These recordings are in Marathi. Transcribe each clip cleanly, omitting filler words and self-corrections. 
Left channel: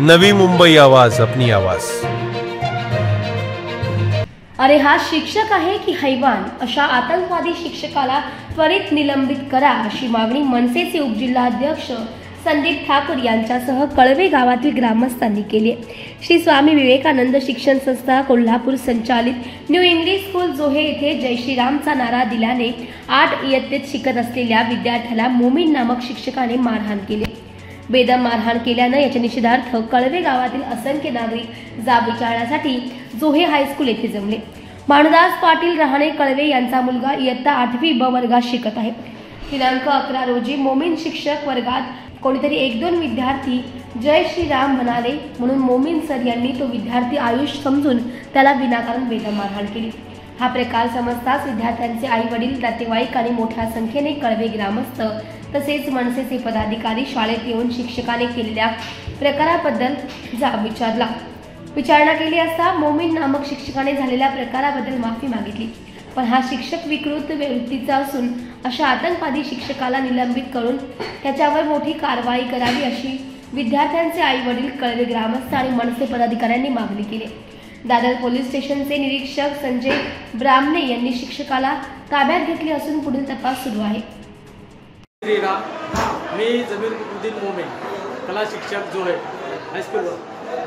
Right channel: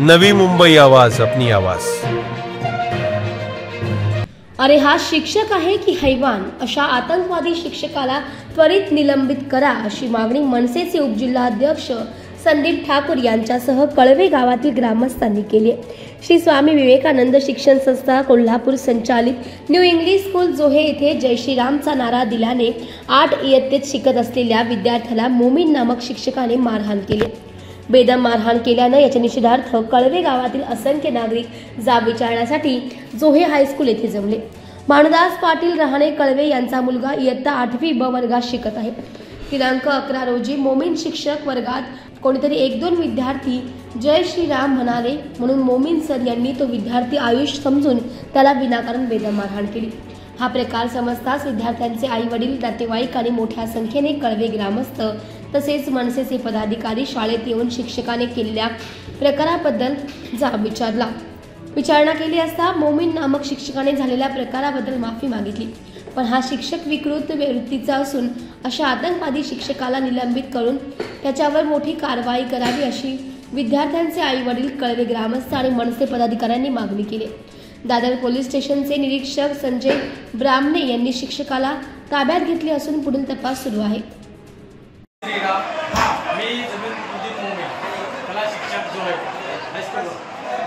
नवी मुंबई आवाज, अपनी आवाज। अरे हा शिक्षक आहे की हैवान, अशा आतंकवादी शिक्षकाला त्वरित निलंबित करा अशी मागणी मनसेचे उपजिल्हाध्यक्ष संदीप ठाकूर यांच्यासह कळवे गावातील ग्रामस्थांनी केली आहे। श्री स्वामी विवेकानंद शिक्षण संस्था कोल्हापूर संचालित न्यू इंग्लिश स्कूल जोहे येथे जय श्रीरामचा नारा दिल्याने 8 इयत्तेत शिकत असलेल्या विद्यार्थ्याला मोमीन नामक शिक्षकाने मारहाण केली। बेदम मारहाण केल्यानं याच्या निषेधार्थ कळवे गावातील असंख्य नागरिक जाब विचारण्यासाठी जोहे हायस्कूल येथे जमले। माणदास पाटील रहाणे कळवे यांचा मुलगा इयत्ता 8वी ब वर्गात शिकत आहे। दिनांक 11 रोजी मोमीन शिक्षक वर्गात कोणीतरी 1-2 विद्यार्थी जय श्रीराम म्हणाले म्हणून मोमीन सर यांनी तो विद्यार्थी आयुष समजून त्याला विनाकारण बेदम मारहाण केली। हा प्रकार समजताच विद्यार्थ्यांचे आई वडील, नातेवाईक आणि मोठ्या संख्येने कळवे ग्रामस्थ तसेच मनसेचे पदाधिकारी शाळेत येऊन शिक्षकाने केलेल्या प्रकाराबद्दल जाब विचारला। विचारणा केली असता मोमीन नामक शिक्षकाने झालेल्या प्रकाराबद्दल माफी मागितली, पण हा शिक्षक विकृत वृत्तीचा असून अशा आतंकवादी शिक्षकाला निलंबित करून त्याच्यावर मोठी कारवाई करावी अशी विद्यार्थ्यांचे आई वडील, कळवे ग्रामस्थ आणि मनसे पदाधिकाऱ्यांनी मागणी केली। दादर पोलीस स्टेशनचे निरीक्षक संजय ब्राह्मणे यांनी शिक्षकाला ताब्यात घेतले असून पुढील तपास सुरू आहे। मी जमीन उदित मोमीन, कला शिक्षक जोहे हायस्कूल।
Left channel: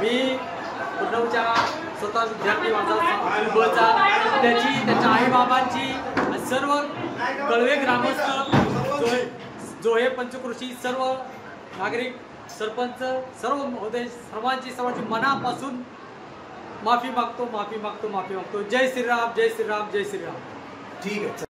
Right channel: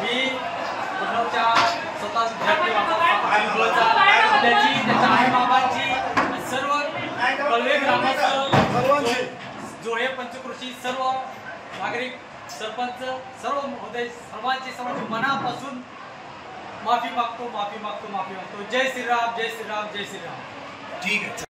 मी पुण्याच्या स्वतः विद्यार्थी माझा त्याच्या आई बाबांची सर्व कळवे ग्रामस्थ जोहे पंचकृषी सर्व नागरिक सरपंच सर्व महोदय सर्वांची मनापासून माफी मागतो। जय श्रीराम, जय श्रीराम, जय श्रीराम। ठीक आहे।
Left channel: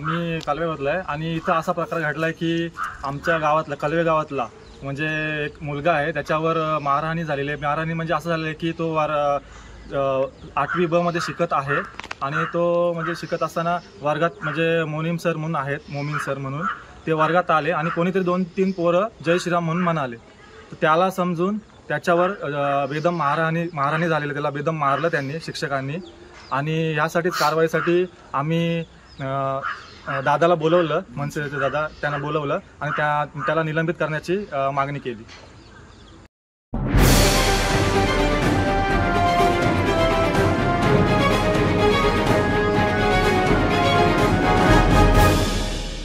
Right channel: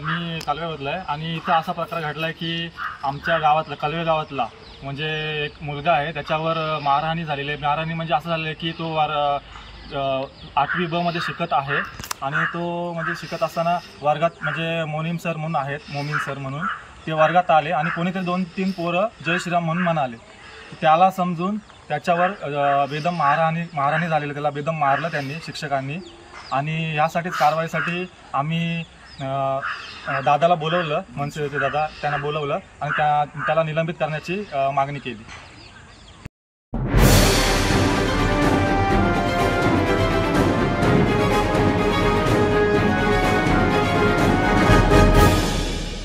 मी कळवेमधला आहे आणि इथं असा प्रकार घडला आहे की आमच्या गावातला कळवे गावातला म्हणजे एक मुलगा आहे, त्याच्यावर मारहाणी झालेली आहे। मारहाणी म्हणजे असं झालं आहे की तो 8वी ब मध्ये शिकत आहे आणि तो म्हणजे शिकत असताना वर्गात म्हणजे मोमीन सर म्हणून ते वर्गात आले आणि कोणीतरी 2-3 पोरं जय श्रीराम म्हणून म्हणाले। त्याला समजून त्याच्यावर बेदम मारहाणी झालेली, त्याला बेदम मारलं त्यांनी शिक्षकांनी आणि यासाठीच कारवाईसाठी आम्ही दादाला बोलवलं, मनसेचे दादा त्यांना बोलवलं आणि त्याला निलंबित करण्याची मागणी केली।